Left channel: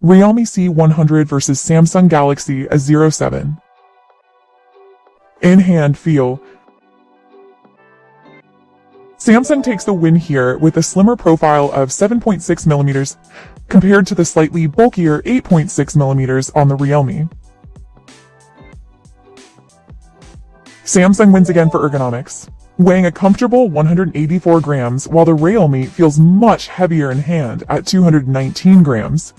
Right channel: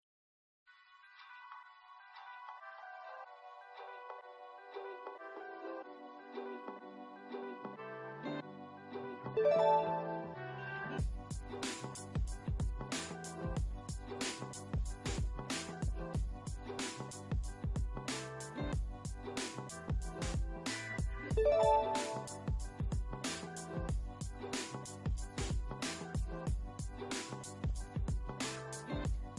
Realme C100 versus Samsung Galaxy A07. In-hand feel. Samsung takes the win here with a slimmer profile of 7.6mm compared to the slightly bulkier 8.6mm on the Realme. Samsung wins again for ergonomics, weighing a comfortable 184 grams, while the Realme feels much heavier in hand at 219 grams.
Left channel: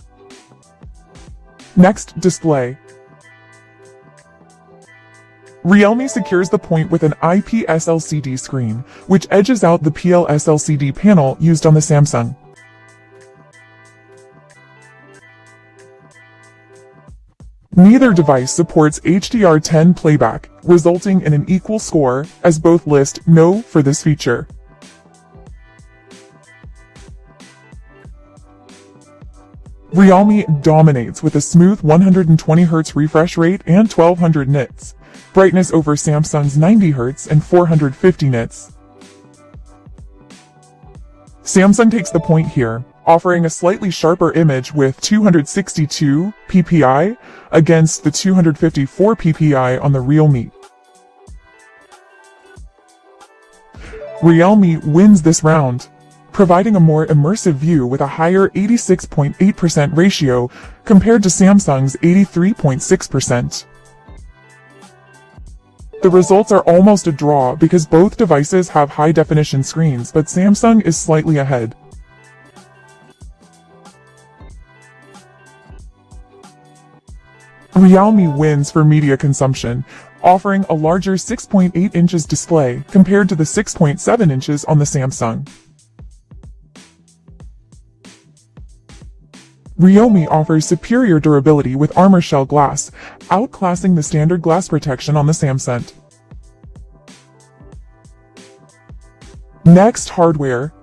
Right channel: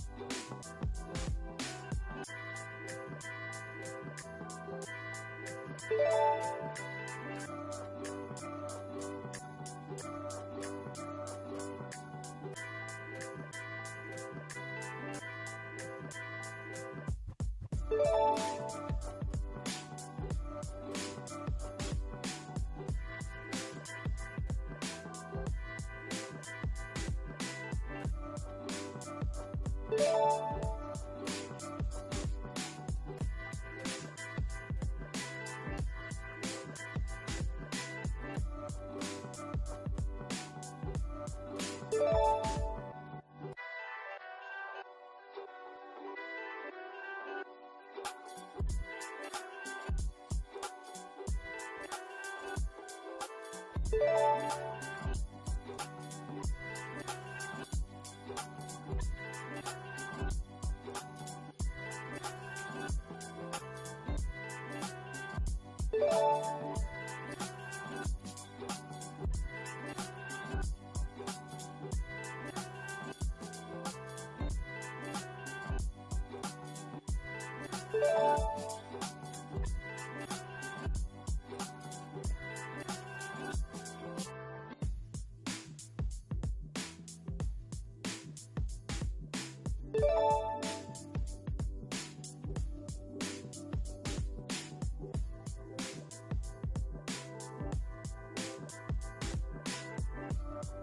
Next, display. Realme secures the point with an IPS LCD screen, which edges out the PLS LCD panel used on the Samsung. Neither device supports HDR10 playback, resulting in an equal score, as both list no for this feature. Realme dominates with a smooth 120Hz refresh rate and 1200 nits, brightness over Samsung's 90Hz and 450 nits. Samsung takes the point here, offering a slightly sharper image with 262 ppi against the 254 ppi on the Realme. Realme wins this round, providing a more immersive view with a higher 86.8% ratio compared to Samsung's 83.6%. The results are almost a draw because both devices have high-definition screens, but Samsung is slightly ahead. Realme wins for media consumption, offering a larger 6.8 inches display compared to the 6.7 inches on the Samsung. Realme offers superior durability with armor shell glass, outclassing the standard glass protection on the Samsung. Next, hardware.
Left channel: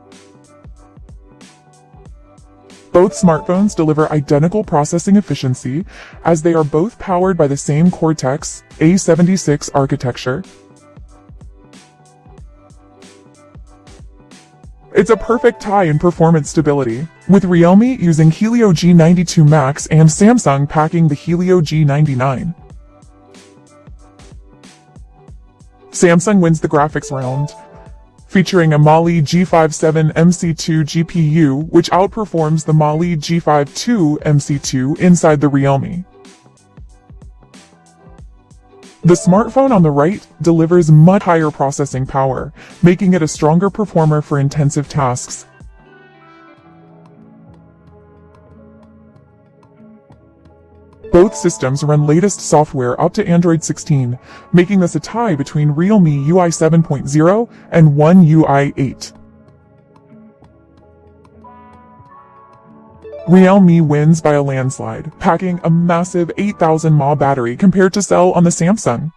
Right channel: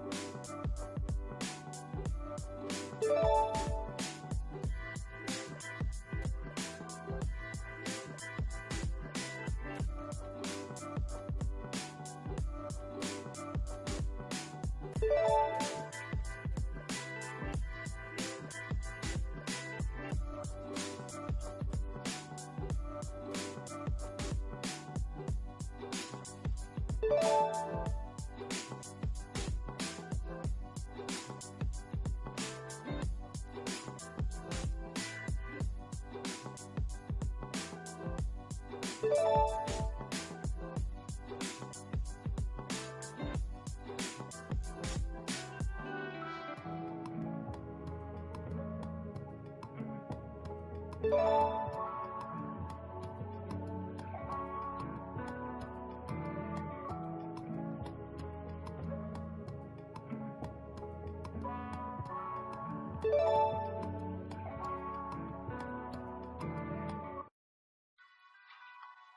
Both smartphones deliver identical processing efficiency, as they are both powered by the same Cortex A76 architecture. It's a perfect tie in performance stability, with Realme using Helio G92 Max and Samsung packing the Helio G99. Samsung wins the graphics round, featuring a Mali G57 MC2 GPU, which outperforms the Mali G52 MC2 inside the Realme. The smartphone on the right delivers much higher processing power, making it a stronger performer for intensive tasks. Both systems run latest software up to Android 16, making this a tie between Realme UI 7.0 and One UI 8. Realme wins by a landslide, packing a massive 8,000 mAh battery compared to cell on the Samsung.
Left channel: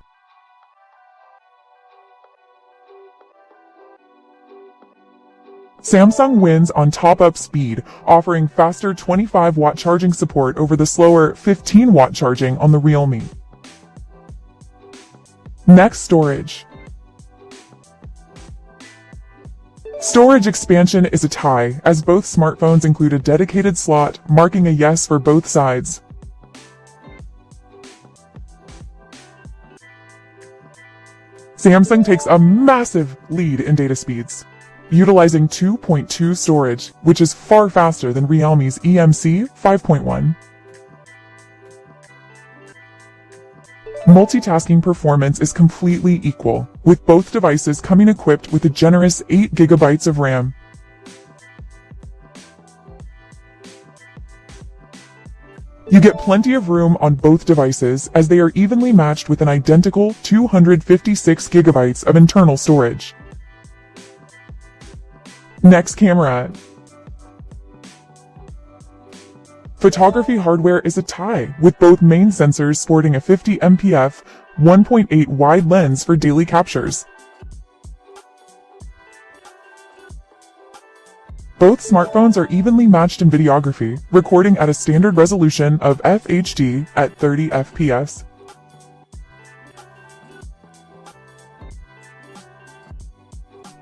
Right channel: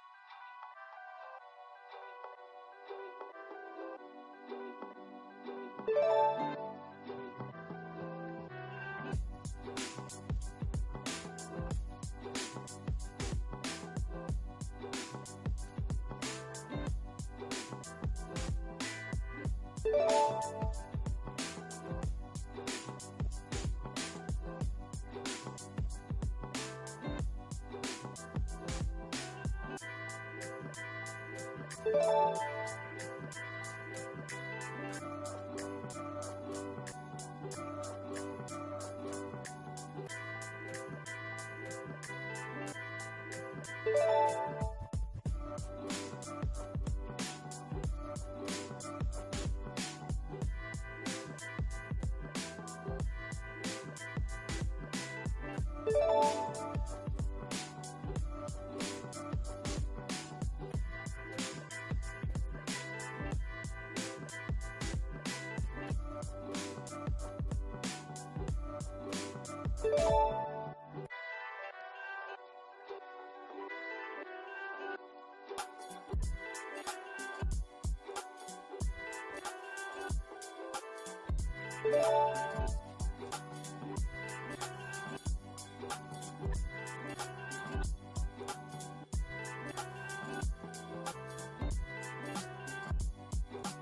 Samsung wins on top-up speed, offering faster 25-watt charging support over the slower 15-watt charging on the Realme. Next, storage. Storage expansion is a tie, as both smartphones include a dedicated slot, marking a yes for both sides. Samsung takes a massive lead in data speeds, utilizing 2.2 storage, which is far faster than Realme's eMMC 5.1. Multitasking performance is completely equal, with both devices coming equipped with a generous 8GB of RAM. You get plenty of room on both devices, as they are evenly matched with an identical 256GB of internal storage. Next, camera. Photography hardware is a tie, with both main sensors sporting a 50MP 1.8 wide lens for daily captures. Both smartphones are evenly matched in videography, recording at a standard resolution of FHD at 30 FPS.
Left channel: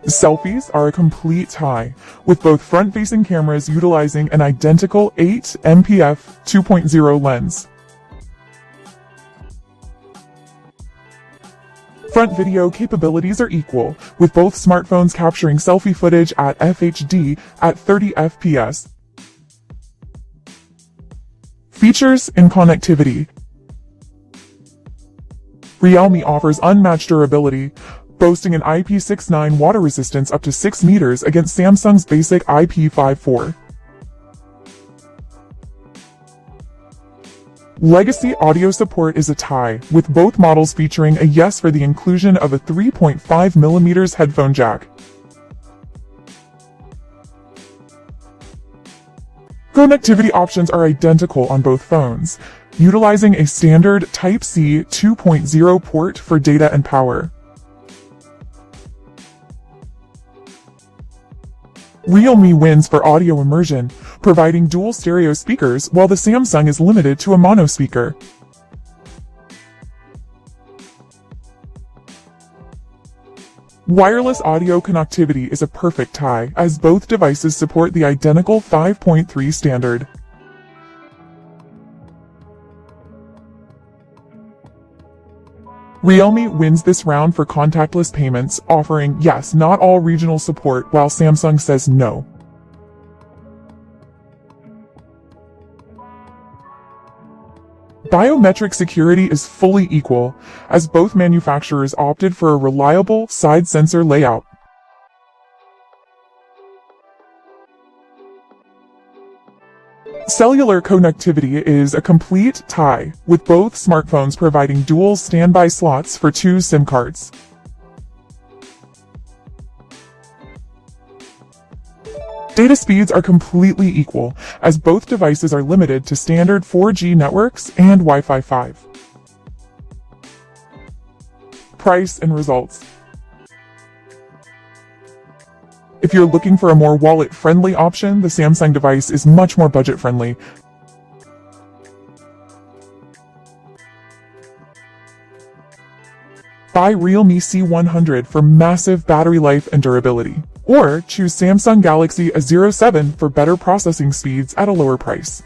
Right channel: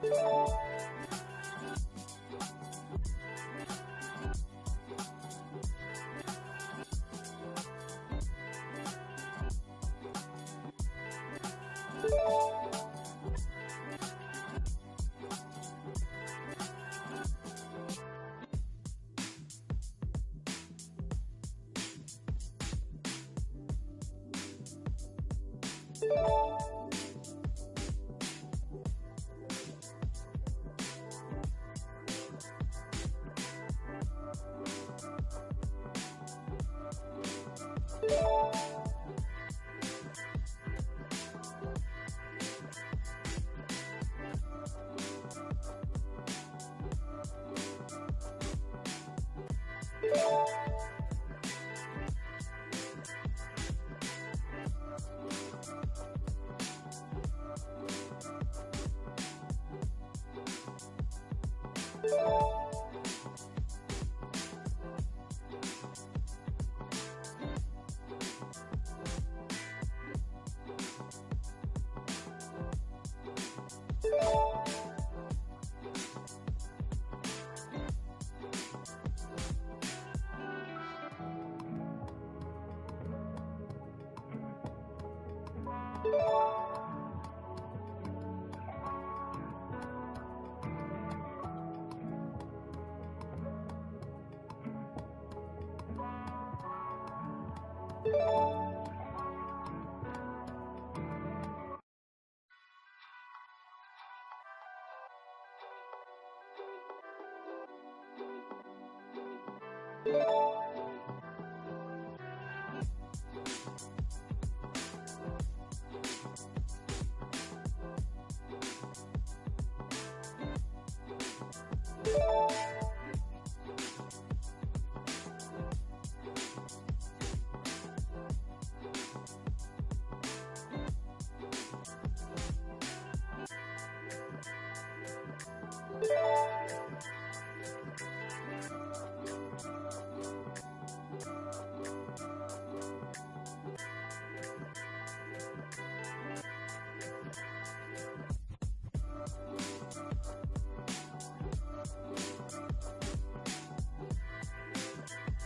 Selfies are a complete tie, with both front-facing cameras utilizing an identical 8MP f2.0 lens. Front video capabilities are equal, with both smartphones capturing selfie footage at FHD at 30 FPS. Features and connectivity. Realme offers unmatched durability, boasting an IP69 water resistance up to 6 meters against Samsung's basic IP54. Legacy audio support is a tie, with both models featuring a yes for the inclusion of a 3.5mm headphone jack. Connectivity options are identical on both phones, utilizing a standard Type-C 2.0 port for data and power. Realme wins for audio immersion, providing dual stereo speakers while the Samsung is limited to a mono speaker. Wireless audio connectivity is a perfect tie, as both devices support the identical 5.3 standard. Realme wins this round for contactless payments, offering yes, not all regional support, while Samsung says no. Biometric security is fully equal, as both manufacturers opted for a reliable side sensor layout. Cellular connectivity is a complete tie, with both smartphones providing dual standby slots for 2 SIM cards. Data speeds are completely equal, as both devices are limited to standard 4G networks and Wi-Fi 5. Price and results. If you're looking for a more wallet-friendly option, the Samsung device is much more budget-friendly. Buy Realme C100 for massive battery life and durability, or choose Samsung Galaxy A07 for better processing speeds at a lower price.